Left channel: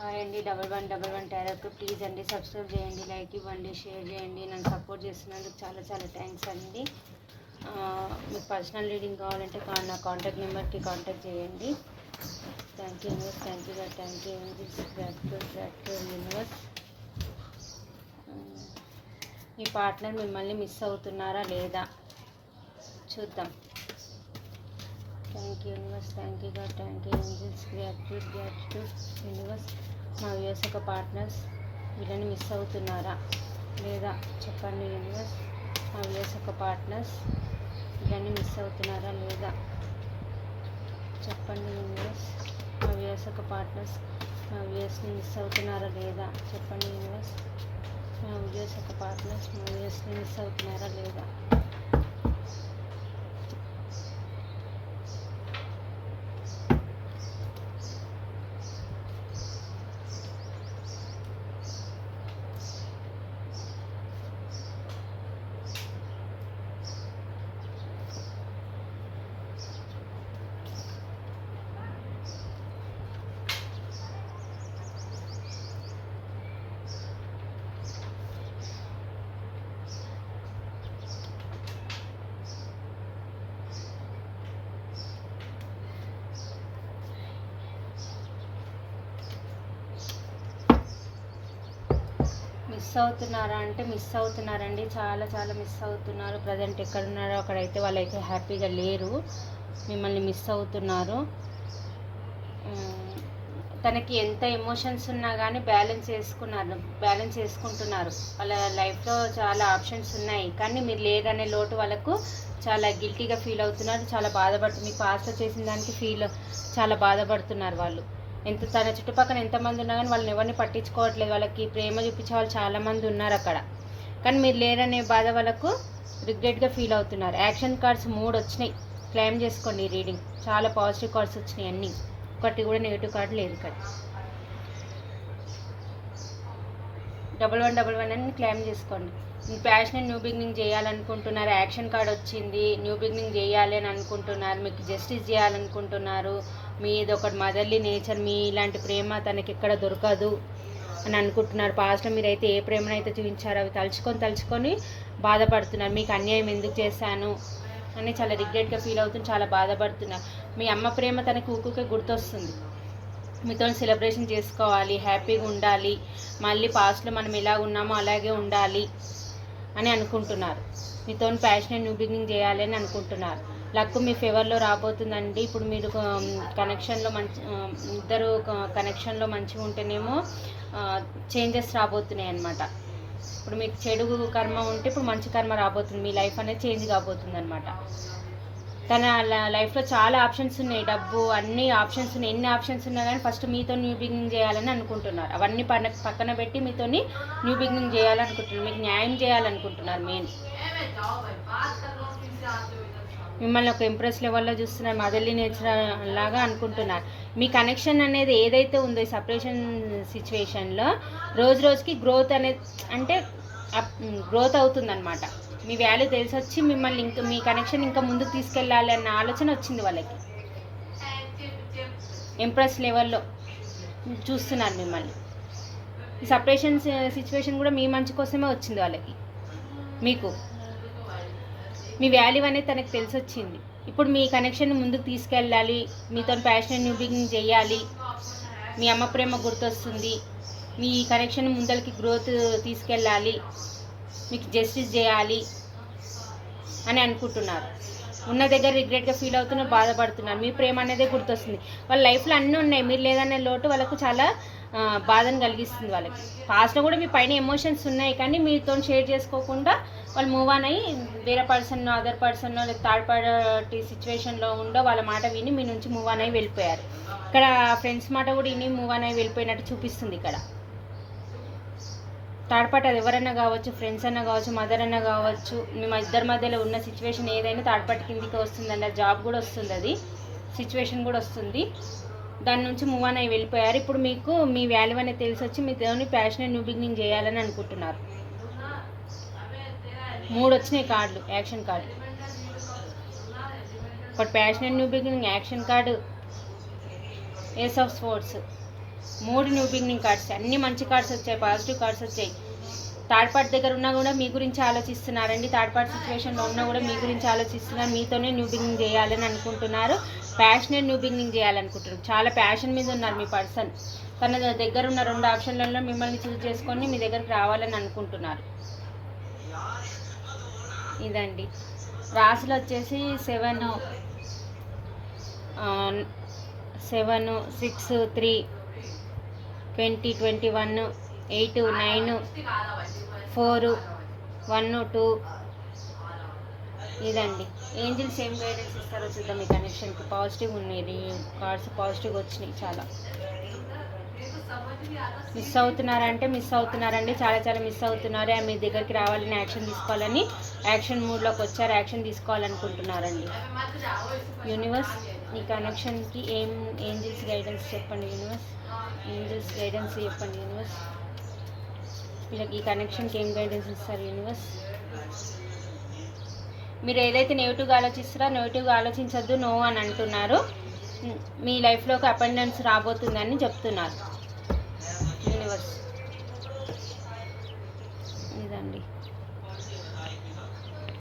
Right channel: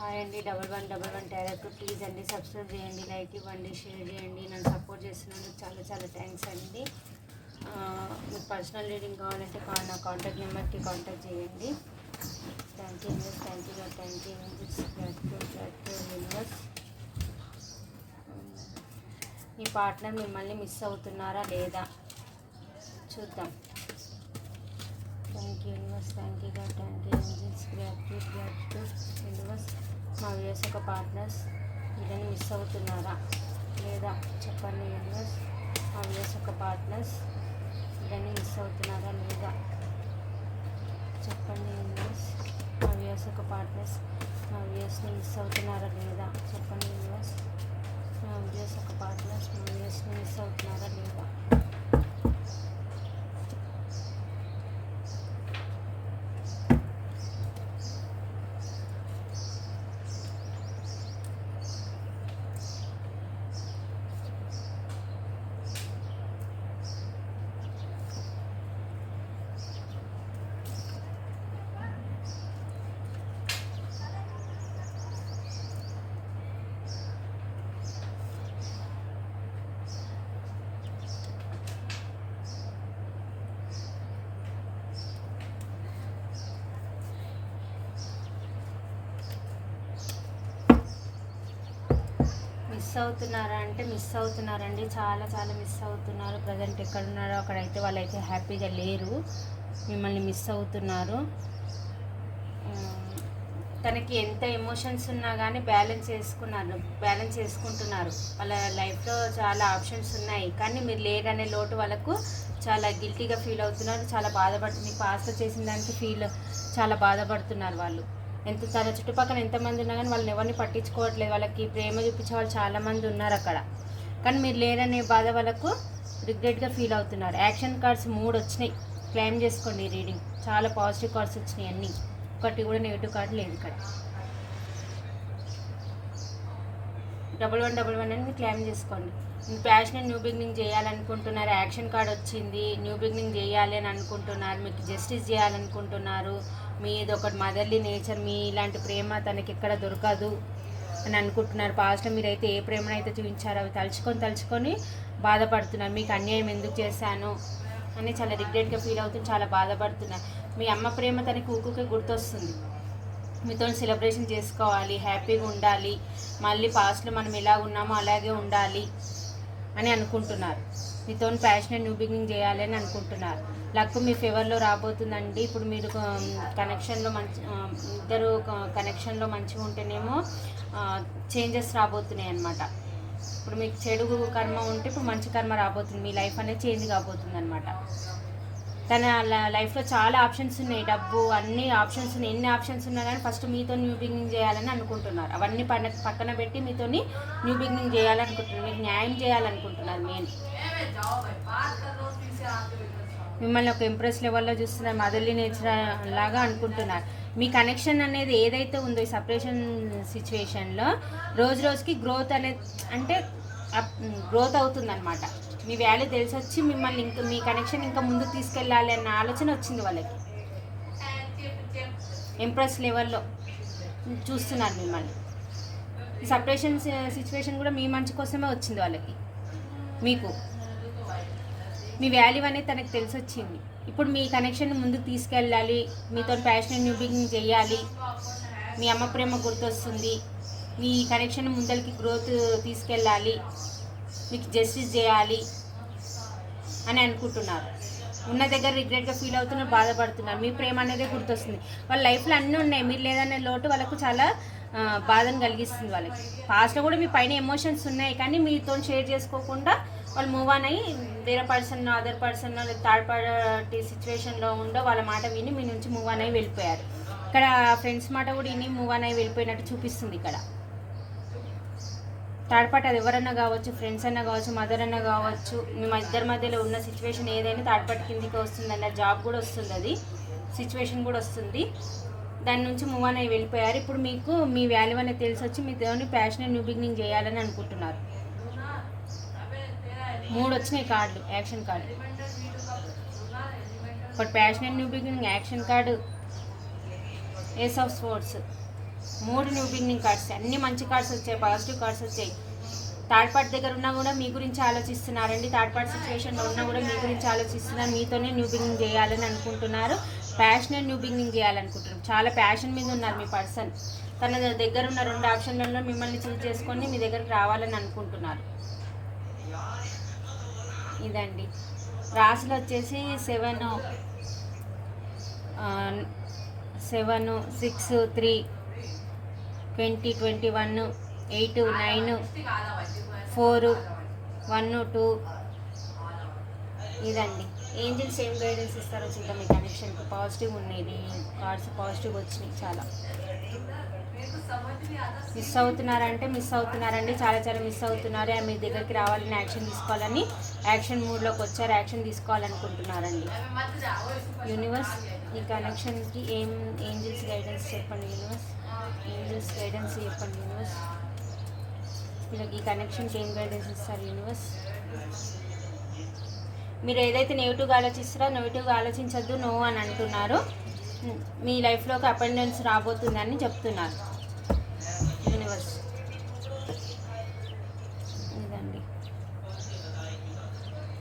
Hi అండి double one double one టైరప్ please అండి సబ్స్క్రైబ్ చేయండి లైక్ ఇవ్వండి షేర్ చేయండి నన్ను సపోర్ట్ చేస్తున్నందుకు చాలా చాలా థ్యాంక్స్ అండి. మీకు పర్సనల్ రీడింగ్ కావాలంటే నా కాంటాక్ట్ నెంబర్కి కాంటాక్ట్ చేయండి. Thank you universe thank you thank you gratitude gratitude universe me partner మిమ్మల్ని మిస్ అవుతున్నారా లేదా? చూద్దాం. Thank you universe thank you God thank you angels gratitude gratitude universe మా వ్యూస్ ఒక పార్ట్నర్స్ వీళ్ళని మిస్ అవుతున్నారా? లేదా చెప్పండి యూనివర్స్ మా వ్యూస్ ఒక పార్ట్నర్స్ వీళ్ళని మిస్ అవుతున్నారా? లేదా చెప్పండి యూనివర్స్ మా వ్యూస్ ఒక పార్ట్నర్స్ మా వ్యూస్ని మిస్ అవుతున్నారా? లేదా చెప్పండి యూనివర్స్ మా వ్యూస్ ఒక పార్ట్నర్స్ మా వ్యూస్ని మిస్ అవుతున్నారా లేదా మిస్ అవుతున్నారా అంటే మిస్ అవుతున్నారండి. చాలా చాలా మిస్ అవుతున్నారు. ప్రజెంట్ ఎక్కడ ఉన్నారో అక్కడైతే వాళ్ళైతే హ్యాపీగా లేరు. మిమ్మల్ని మిస్ అవుతున్నారు. తనకి ఎంత ఎమోషన్స్ ఉన్నా కానీ బ్యాలెన్స్ చేసుకున్నారు బ్యాలెన్స్ చేసుకుంటున్నారు. వాళ్ళ లైఫ్లో చాలా ఆప్షన్స్ ఉన్నాయి. కానీ మీరు లేరనే లోటు వాళ్ళకు చాలా గిల్టీగా ఫీల్ అవుతున్నారు. చాలా బాధపడుతున్నారు మీ పాస్లో చేసిన దానికి ఫీల్ చాలా బాధపడుతున్నారు వాళ్ళు. ఎంత తన చుట్టుపక్కల ఎంతమంది ఉన్నా కానీ వాళ్ళని ఎవరిని పట్టించుకోవట్లేదు. వాళ్ళకి ప్రేమ చూపించే వాళ్ళు చాలామంది ఉన్నారు అక్కడ. కానీ మీరు లేరనే బాధ వాళ్ళకు రిగ్రెట్గా ఫీల్ అవుతున్నారు. యాక్షన్ కార్డ్స్ మూడు వచ్చినాయి. క్లెయిమ్ చేసుకోండి రీడింగ్. చాలా పాజిటివ్ కార్డ్స్ వచ్చినాయి అన్నీ. ఒకటి కూడా నెగిటివ్ కార్డు లేదు ఇక్కడ. డబల్ వన్ డబల్ వన్ అని క్లెయిమ్ చేసుకోండి. ప్యాషన్ న్యూ బిగినింగ్ చేయాలనుకుంటున్నారు యాక్షన్ కార్డ్ వచ్చింది న్యూ బిగినింగ్ చేయాలి అని అనుకుంటున్నారు మీకు జస్టిస్ చేయాలనుకుంటున్నారు మీది ఒకటి మదర్లీ నేచర్ మీ ఇలాంటి ప్రేమ తనకి ఎక్కడ దొరకదు అని అనుకుంటున్నారు. పాస్ట్లో మీరైతే ఏ ప్రేమనైతే చూపించారో అవి తలుచుకొని తలుచుకొని బాధపడుతున్నారు. మీకు అన్యాయం ఎందుకు చేశాను అని చాలా రిగ్రెట్గా ఫీల్ అవుతుంది చాలా బాధపడుతున్నారు. మీ అమ్మ ప్రేమ తనకి ఊకుకే గుర్తొస్తుంది. మీతో సెలబ్రేషన్ చేసుకోవాలి హ్యాపీగా ఉండాలి మళ్ళీ పాస్ట్లో మనం ఎలా ఉన్నామో అలాగే ఉండాలి అని అనుకుంటున్నారు. మీతో ప్యాషన్ న్యూ బిగినింగ్ చేయాలి అని అనుకుంటున్నారు. లక్ మీ ఫేవర్లో రాబోతుందండి. ఇప్పుడు మీరు కనెక్షన్లో మంచి ఇద్దరు కనెక్షన్లో మంచిగా ఉంటేనేమో చేంజెస్ రాబోతున్నాయి అన్నమాట. ఇప్పుడు మీకు చెడు కర్మ ఉంటే ఇప్పుడు మంచి కర్మ రాబోతుంది. మీ లైఫ్ అనేది చేంజ్ కాబోతుంది అనమాట తన లైఫ్లో చాలా ఆప్షన్స్ ఉన్నాయి. డబ్బు అన్ని ఆప్షన్స్ ఉన్నాయి. ఎన్ని ఆప్షన్స్ ఉన్నా కానీ ఫస్ట్ మీతో న్యూ బిగినింగ్ చేయాలని అనుకుంటున్నారు. అవన్నీ పన పక్కన పెట్టి మీతోని న్యూ బిగినింగ్ చేయాలనుకుంటున్నారు. మీకు న్యాయం చేయాలనుకుంటున్నారు మెయిన్. మిమ్మల్ని ఒక ఇంప్రెస్ లెవెల్లో చూస్తున్నారు మదర్లీ నేచర్ లాగా అనుకుంటున్నారు. మీ కనెక్షన్ అనేది ఏదైతే ఉందో ఈ సపరేషన్ సిచ్యువేషన్లో రోజు రోజుకి గ్రోత్ అనేది అంటే గ్రోత్ అవుతుందన్నమాట. మీ వాల్యూ తెలిసి వచ్చి మిమ్మల్ని ఇంకా మీ కనెక్షన్ ఇంకా ముందుకు తీసుకెళ్ళాలి అన్న ఆలోచన వచ్చింది వాళ్ళకి. ఇంప్రెస్ లెవెల్లో చూస్తున్నారు మిమ్మల్ని. ఈ సపరేషన్ సిచ్యువేషన్ కూడా మీ మంచి కోసమే వచ్చింది వాళ్ళకి. మీకు. మీ వాల్యూ అనేది తనకు తెలిసి వచ్చింది ఇప్పుడు మీ కనెక్షన్ ముందుకు తీసుకెళ్ళాలి. మీతో ప్యాషన్ న్యూ బిగినింగ్ చేయాలి. మీ అమ్మ ప్రేమ గుర్తొస్తుంది. మీ కనెక్షన్ ముందరికి గ్రోత్ తీసుకెళ్ళాలి. మీకు జస్టిస్ చేయాలి అని అనుకుంటున్నారు. ఉన్న దగ్గర రిగ్రెట్గా ఫీల్ అవుతున్నారు బాధపడుతున్నారు మీ ప్రేమ అనేదే గుర్తొస్తుంది. వాళ్ళ లైఫ్లో అన్నీ ఉన్నాయి. మీరు లేదనే లోటు వాళ్ళకు చాలా బాధను కలిగిస్తుంది వాళ్ళకి. పాస్ట్లో కూడా మీ పైన ఎమోషన్స్ ఉన్నాయి కానీ మీతో షేర్ చేసుకోకుండా వాళ్ళు మూవ్ ఆన్ అయ్యి వేరే person other person third party సిచ్యువేషన్లో ఉండో వాళ్ళ మాట విని మీ నుంచి మూవ్ ఆన్ అయ్యి వెళ్ళిపోయారు. ఇక్కడ ఫ్రెండ్స్ మాట కూడా విని మూవ్ ఆన్ అయ్యి వెళ్ళిపోయినట్టు చూపిస్తుంది ఇక్కడ. థర్డ్ పార్టీ అది ఎవరైనా కావచ్చు ఫ్రెండ్స్ అన్నా కావచ్చు మదర్ అన్నా కావచ్చు మేము ఇద్దరి మధ్యలో ఉన్న సిచ్యువేషన్ ఏదైనా థర్డ్ పార్టీ కిందికి వస్తుందండి జాబ్ కూడా వస్తుంది అది. సిచ్యువేషన్ కూడా వస్తుంది. దాని నుంచి మూవ్ ఆన్ అయ్యి వెళ్ళిపోయారు. ఇప్పుడు మీకు మీ వాల్యూ అనేది తెలిసి వచ్చి మీ దేవుని ప్యాషన్ న్యూ బిగినింగ్ చేయాలని అనుకుంటున్నారు. మూడు వచ్చినాయి కార్డులు యాక్షన్ కార్డు. ఒకటి passion new beginning action card ace of sports మూడు న్యూ బిగినింగ్ కార్డ్స్ అన్ని మంచి కార్డ్స్ వచ్చాయి పాజిటివ్ కార్డ్స్ వచ్చాయి. థర్డ్ పార్ట్ దగ్గర ఉన్నా కూడా మీ గురించి ఆలోచిస్తున్నారండి. థర్డ్ పార్ట్ సిచ్యువేషన్లో ఉన్నా కూడా మీ గురించి ఆలోచిస్తున్నారు. మీతోనే న్యూ బిగినింగ్ చేయాలని అనుకుంటున్నారు. ప్యాషనే న్యూ బిగినింగ్ చేయాలనుకుంటున్నారు. చాలా ప్యాషన్ మీద ఉన్నారు మీ పర్సన్ తన దగ్గర ఉన్న రెండు ఆప్షన్లలో మిమ్మల్ని చూస్ చేసుకొని మీ దగ్గరికి రావాలని అనుకుంటున్నారు. ఇదండి. రాసులు వచ్చేసి seven seven six three twenty twenty one eight nine four one two. ఇదండి. ఏంజిల్స్ ఏం గైడెన్స్ ఇస్తారో చూద్దాం మీ కనెక్షన్కి పాజిటివ్ ఉన్నది. కార్డ్స్ పాజిటివ్ వచ్చినాయి చాలా. మిస్ అవుతున్నారంటే మిస్ అవుతున్నారండి. చాలా చాలా మిస్ అవుతున్నారు. మీ దగ్గరికి రావాలని యాక్షన్ తీసుకోవాలని. యాక్షన్ మూడ్లోకి వచ్చారు. యాక్షన్ తీసుకోవాలనుకుంటున్నారండి. యూనివర్స్ ఈ కనెక్షన్కి ఏం ఏంజిల్స్ గైడెన్స్ చెప్పండి యూనివర్స్? ఏంజిల్స్ గైడెన్స్ చెప్పండి యూనివర్స్? వీళ్ళకి ఈ కనెక్షన్కి ఏం గైడెన్స్ ఇస్తారు యూనివర్స్? మీరు ఏదైతే నెగిటివ్గా ఆలోచిస్తారో నెగిటివ్గా ఆలోచించద్దు నో అని అంటున్నారు. మీ లైఫ్లోకి అపెండెన్స్ రాబోతుందని చెప్తున్నారు.